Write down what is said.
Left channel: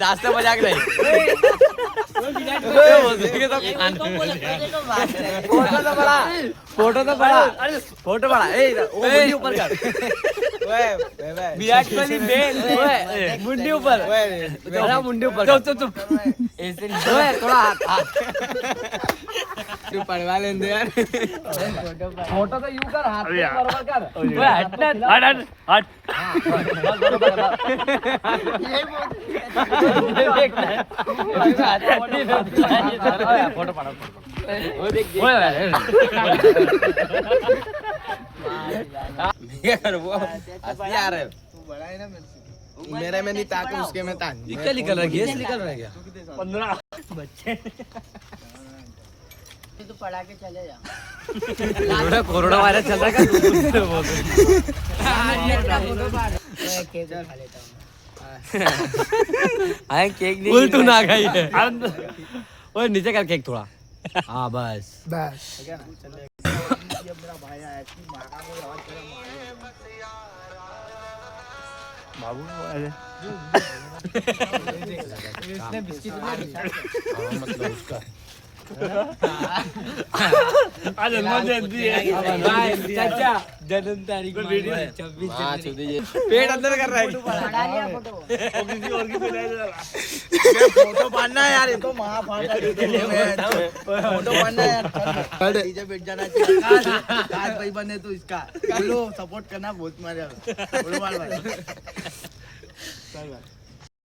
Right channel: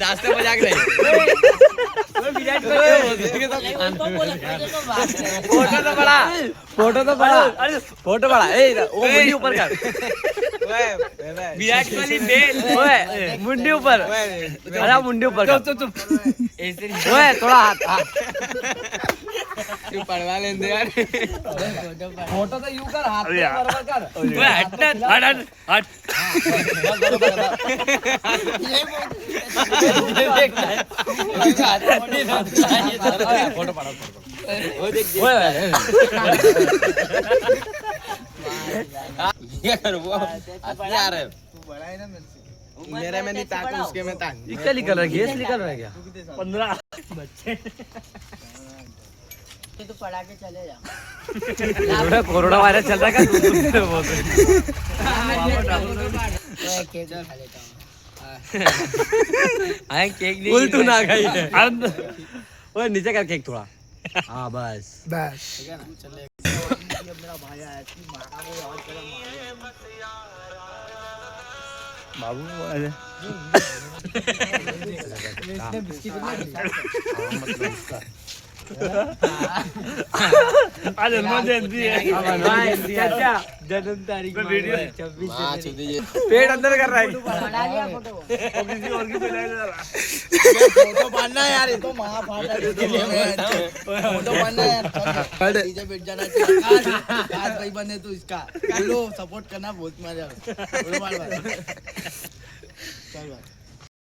जास्त मजाक नाही फोटो तो बड़ा मुंडी ऊपर कर विराट कोहली बेन मुंडी ऊपर थोड़ा मुंडी ऊपर चुप ऐसे थोड़ा हाथ तू पड़वा लेंदे यार फोटो तो यूं कर हाथ से बराबर कर हट हट फोटो पड़ा वो देख यार वो यार मेरा में नहीं ताक उसके में ताक ये क्या निकल रहा है गैस निकल रहा है क्या 15 बच्चे तो पढ़ा के चले जा कोरोना वायरस चल रहा है केक खा लेता हूँ केक नहीं तू ना खाई ओए नीचे कर केक थोड़ा हाँ बस ठीक है ना चले मेरा भाई आया बाबू इसने बिस्किट जन्म तारीख पेट अंदर कर रहा है फोटो पाना यार ये तो फोटो पाना यार बैठ जाना चाहिए भाई बने तू इसका बोलो सपोर्ट करना बहुत मजा बोलो बार